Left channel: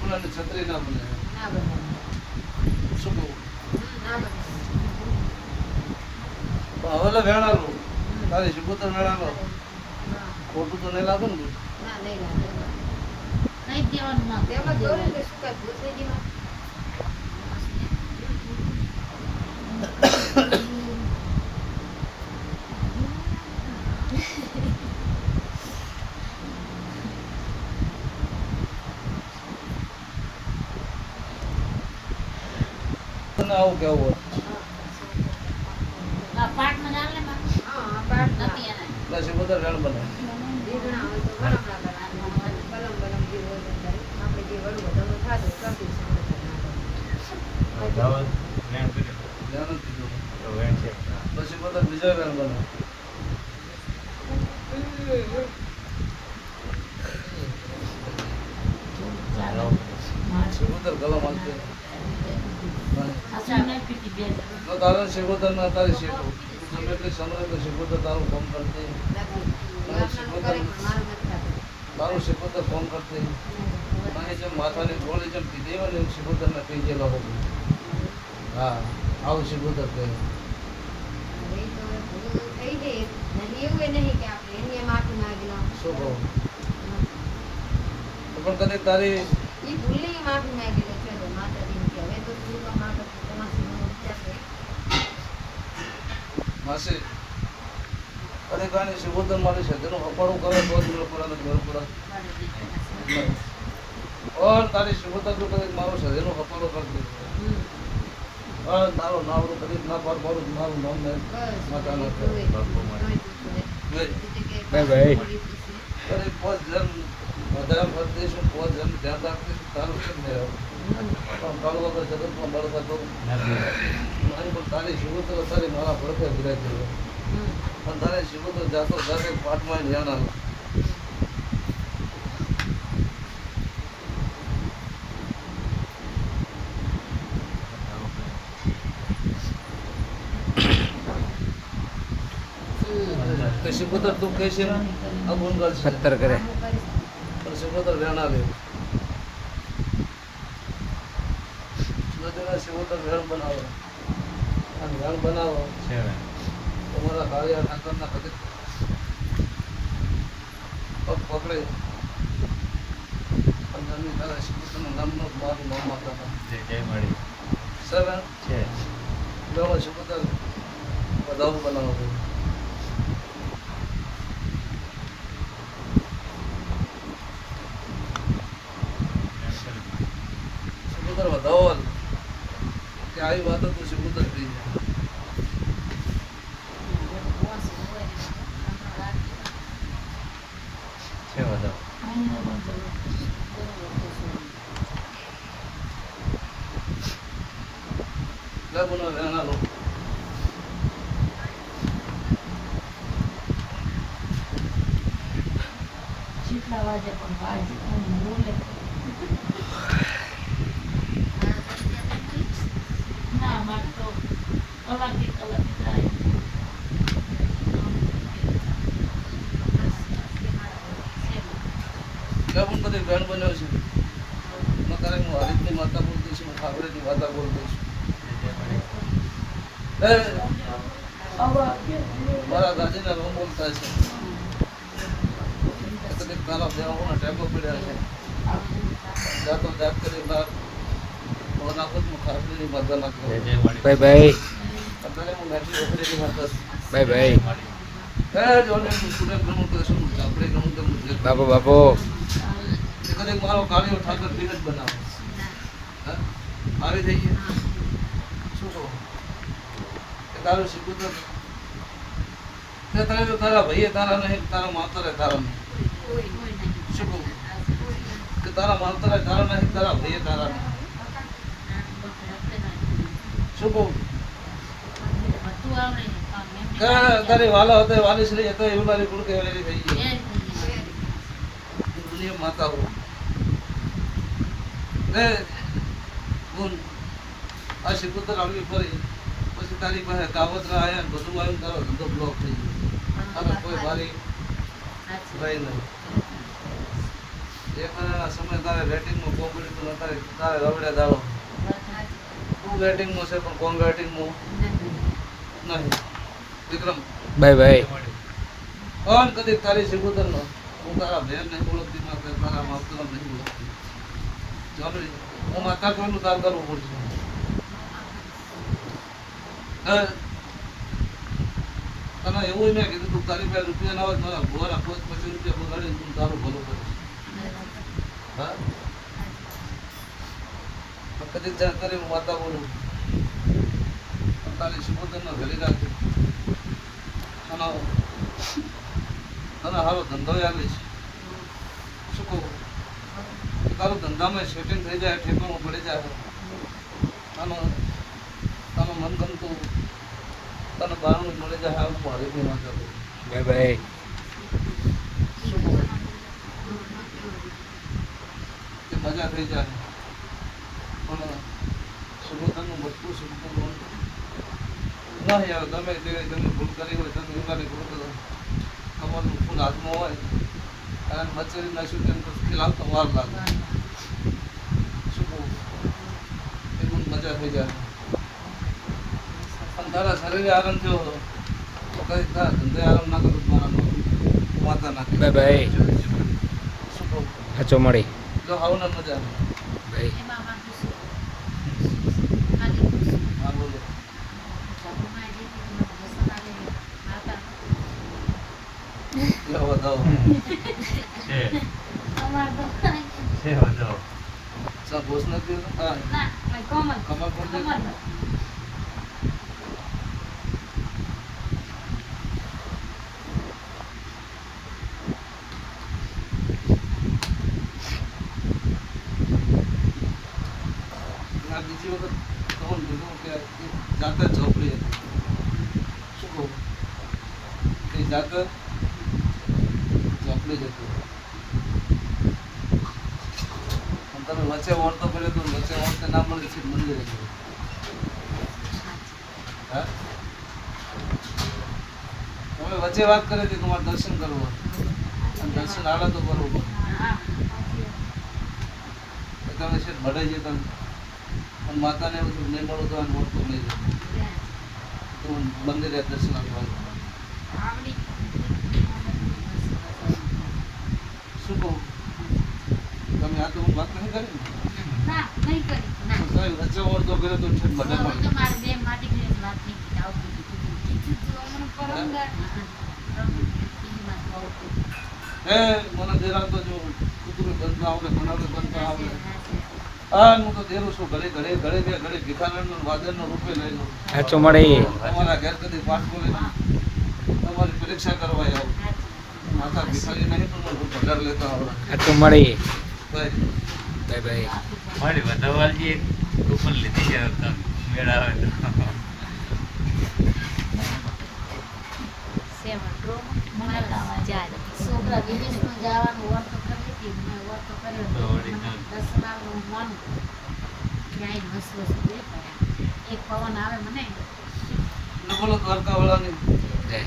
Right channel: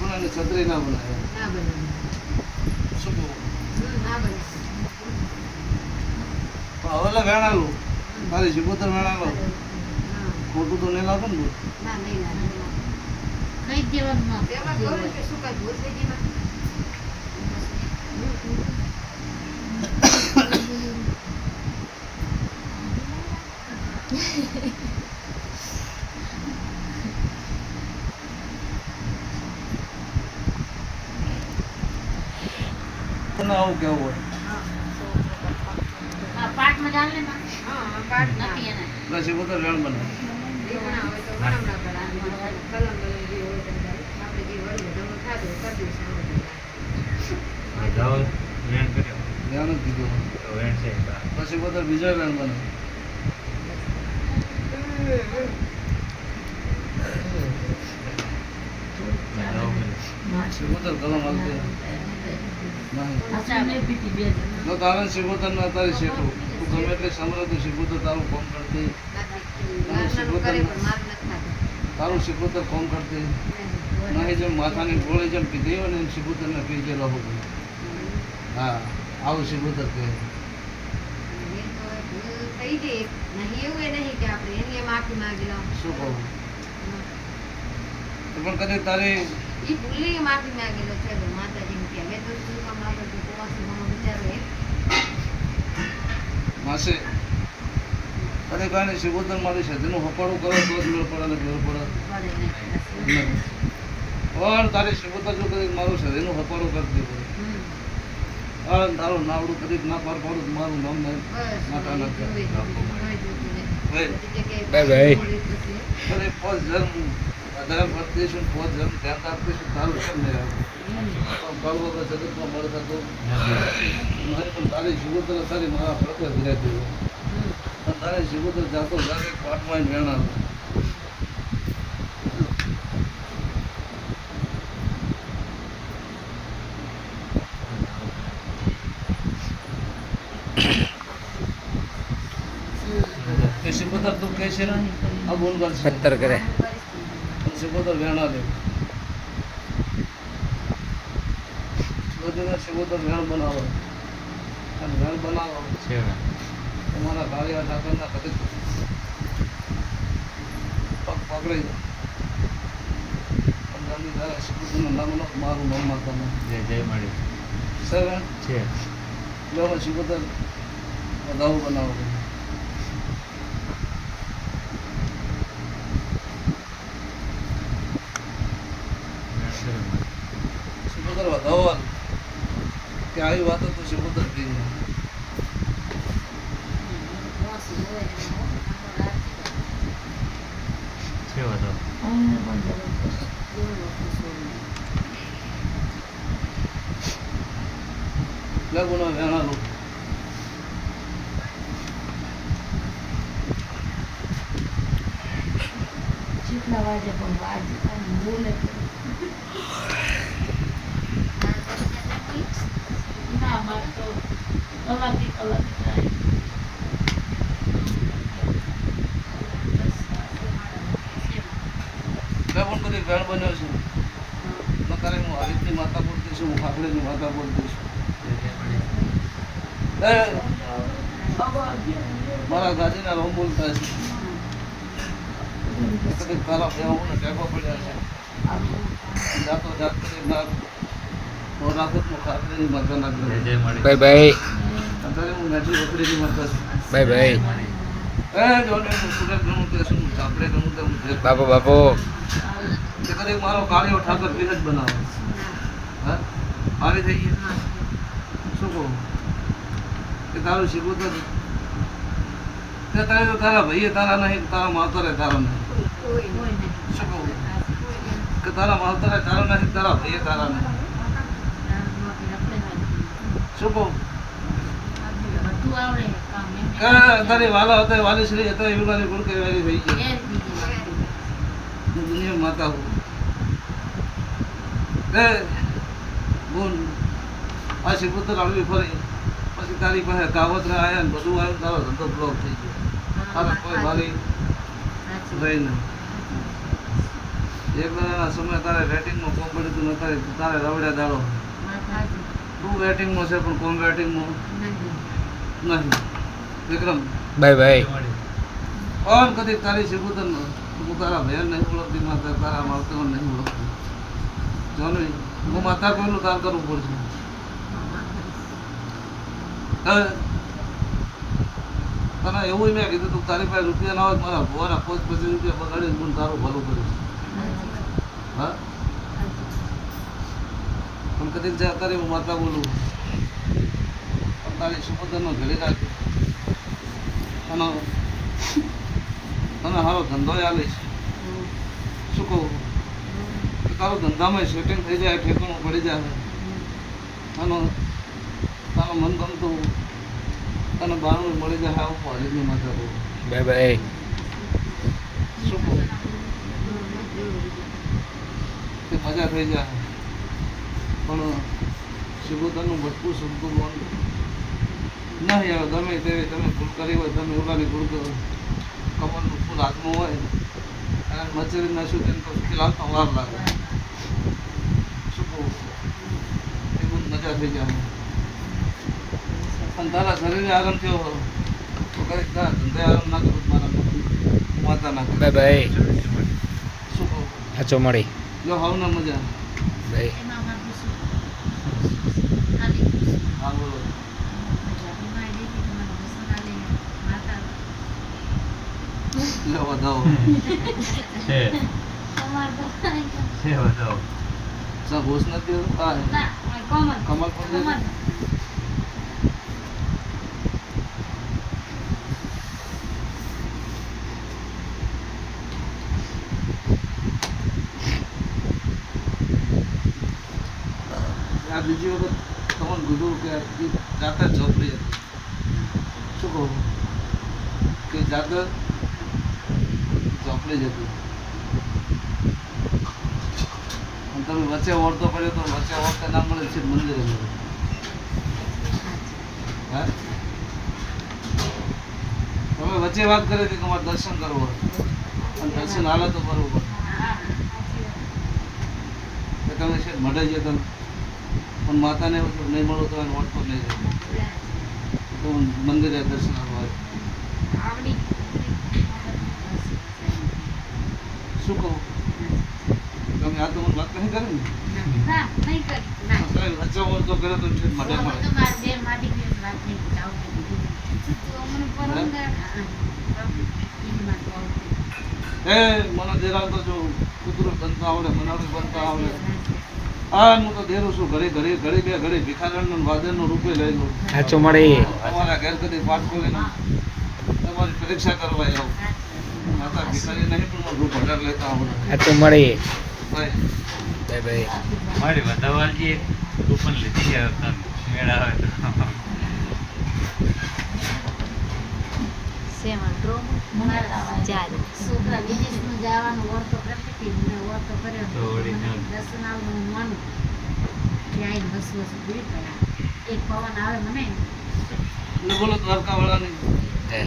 બનાવે છત્રી ના બનાવે ના બનાવે. શું કહું ના બનાવે. હવે વેણાલું તારી સિબોતર વેણાલો હા. ખોટું તો નહીં લાગે ને ના નહીં લાગે. કઈ દેવાનું ના તેમાં જોયું કે શું કાંઈ ભૂલ થઈ ગઈ ના? તને આવું કેવું હોય આ પાટમાં ચાલે માં હા, પાડ નથી એને એટલે સિબોતર વેણ બનાવે રીંગણા હોય તો વણમણા બનાવે. કલમ બલમ જે હોય તે થાય. આપણે જે વડું વધારો થાતો હોય કરી દઈશું સામે વધાવો વેણ કર્યો વેણ જ કીધું તો વેણ છે એટલે સિબોતર બીજો વેણ બનાવે સિબોતર કલમ હાલતી નહીં અચ્છા ને પીટી બે જણ જો તારે સિબોતર ના તારી શેઠું તું ગમે એટલી સમરે તો સિબોતર તારું કોમ કરતી નથી. ગામડાનું કરે પણ મારું નથી થાતું. તારું સિબોતર કોમ કરતી નહીં જેમ માથાની ગોળી જેમ પીધી હોય ને એમ સિબોતર ને કહી ગયેલો હો હા આવું સિબોતર કહે એ તો હવે ભૂલ થઈ ગઈ. નહીં એવું એ નહીં કે આપણે એની એમ માફી માંગી લઉં. શું કહું તો પણ કદી તારી ઈ ભૂલની માફી માંગી લો છે તો માતાજીને કે હવે તો શું કામ આપણે તમારા મનમાં વિચારે માસી કદી કાંઈ સિબોતર મારી છે તેનું હપાડું કરો તો જ મેળ પડે ને જોર પડે નહીં. ઓર તારી સિબોતર જો કદી મારું છે એનું હપાડું કરતી હોય તારું નાવડું કદી ના પાર પાડું મારું નામ નહીં માતા ના કરે બાય બાય. કદી પોત જન્મ વધારે પડતીશું પોત જન્મ ધ્યાન આપતીશું તારું કેમ નહીં આવે પણ કાળું વગર જગતમાં મળતા તો મારી પણ તારી સિબોતર તારી મારા પડખે જ રહેતી હોય અને તારી સિબોતર જાતો જાતે પાટમાં વેણા સિબોતર તું કહે છે ને આ બોલ કરશે પત્તર કરે સિબોતર વેણા લે સિબોતર વેણ બનાવો અને વેણ બનાવો છે તમારા કાળિયા ઠાકરના કદી પગ પકડે પણ તારા સિબોતરના નામનો મારું નામ માતા જય જય મળી સર છે લેવા સિબોતર વધાવું બનાવો સિબોતર વધાવો કે આવી વાતો તો સિબોતર થઈ છે વધાવો લગુના વેણા લોકો જેટલા વાગે પણ વાગે પણ બોલે ના મારે તો કલાકી કલાક થાય પણ બધી વેણ બન્યો છે નકારે હું હરિતની માતા બોલતી છું હું ખાવડેની માતા બોલતી છું જય જય મળી મારા ગાજીના રોમ બોલતા છે કદી તારા ફેરવોના ટેકો પડ્યા છે જાતો જાત કરી ના ઓનાખતમાં ખાતરીની માતા જય નાખી જય મળી બાય બાય અત્યારે હું નાટલી વખરીની માતા છું બાય બાય મળી જોને હું સુરત ગણું કહેશું હું ચાપડે ગણું તો હું બાપુ બાપુ કે કદી મારો કાળિયો ઠાકર પીને જ બનાવો હા મારી થઈ ગઈ શું કહું કે તારું સિબોતર કે તારે તો તારા ભાઈએ તારા નહીં તારા માતરે તારા નહીં કોઈ નહીં. શું કહું કોઈ નહીં. કે તારા માતરે તારા નહીં તારા ભાઈએ તારા નહીં શું કહું બધું આવડે કામ એમ કે તારી વાલા હતા વાલી શ્રી હતા એવું મારી ગુણ કહેવાય થઈ ગઈ એ હું દુનિયા માતા હું એ ગુણ આ સિબોતર આવી ફરી પછી તારી પાસે કાવતરા આવ્યા ને બધું આવ્યું તારો ધંધો બ્લોક થઈ ગયો તારે કોઈ વાલી રહી નહીં એક મહિનાના સમય તારે વેટિંગમાં કોમ પડ્યું તું નતારે તારે રવડ્યા દાડો તું વેટિંગમાં છે પણ કોમ વેટિંગમાં નહીં વિક્રમ બાય બાય ઓન કદી તારી શિબુતર હું તારા બહેન નહીં ઓળખતી ના તારા માવતર નહીં ઓળખતી ચાલો હું માતા કોઈનું તાર કરવું પડશે તને એવું મેં કીધું તું તારી પાસે રૂપિયા ના હોય મારા ભોવાના 25 રૂપિયા બગાડીને તું તારું ભલું કરીશ હા પણ કદી જા તારી હું માતા બોલું પણ તારી શિબુતરનો ઘડી રાખી અને તને સારો ધંધો આવીશ શું કહું તારો ધંધામાં શૂટિંગ થઈ જાય ઠેકોમાં પડી જાય અને તારું મન ગમતું તને બહારનું મળી જાય આવું પાડી બી ના કરવું બાય બાય શું કહું તે મજા થઈ જાય પણ શિબુતરનું બધું સુધતું નહીં આવે ગમે તેવી તમે ભૂલ કરી હોય તમે યોગાની ભૂલ કરો કમરનું ફૂલ હાથમાં હોય અને મચેરીના શૂટિંગ તો લાવતો વાર લાગે શું કહું એ બહુ મજા થઈ જાય પણ તારા શરીરે આરામ થયો તો કંઈક તારા ધંધે આરામ ના કરું મારા માતા ના બાય બાય શું કહું હાચો મળી લો હાવ ને મજા બાય એમાં માથું શું? આલી શું? હા બોલો જાદુમાં આવી હતી, મને વસન આવી માતા લો વધાવો છે અમાર તો છે વધો સા ઘોષ નથી હા ના કોમલ કમર પર દે. કોમલ આ બીજી વખત તમને કીધું કે ઈ જાતે જ ઝોપડી હતી શું કહું કે જાતે ઝોપડી જ હતી અને તમે વચ્ચે ઓળતો કર્યો તો વચ્ચે ઓળતે ના મળે છે મંદિરે મળે હા તમે વચ્ચે વાત કરી હતી તમારે દર્શન કરવો અને દર્શન હાલે તો બરોબર હા કે તમે છે મળે છે તમે પણ માતાને એવું થયું, નહીં મળો તો એને ઓળખો નહીં રહે તો હું મંદિરે દર્શન કરવા આવડી શું કહું તમે આ તો હું વાત નહીં કરી ને ના નહીં કરી ના કઈ વચ્ચે ઓળતો કર્યો તો છે મળે મળે તમારે બે માટી ની વાત નહીં આવતી તો અમને પરમદાર એ મને દેરાડતો જો કૂતરું બનતા આવડે બનાવડું બનતા આવડે હા હું તો દેરું છું ઘડી ઘડી ઘડી બે ઘડી ભિખારણનું વાદળનું રૂપે લઈ લઉં હાચો મળી તમારા ઘેર કદી પાઠ ખોલીને તમારી પરીક્ષા કરવા આવું માતા ભિખારી નહીં પણ મારું રૂપ વધારે લેતા આવડે હાચો મળી ભાઈ બાય બાય મારી વધાવાલજી એક કૂપન લીધી છે તને મેળ આવે તો છોકરા વિદેશમાં જવાનું ઓરતો કરતી હતી મેં ઓરતો કર્યો તો વળી મને ના. દર્શન આવે હું માનું ત્યાં આવીને વસુ વસુ બે એક પવન આવે મને બોલો દ્વારકા વાળાની જય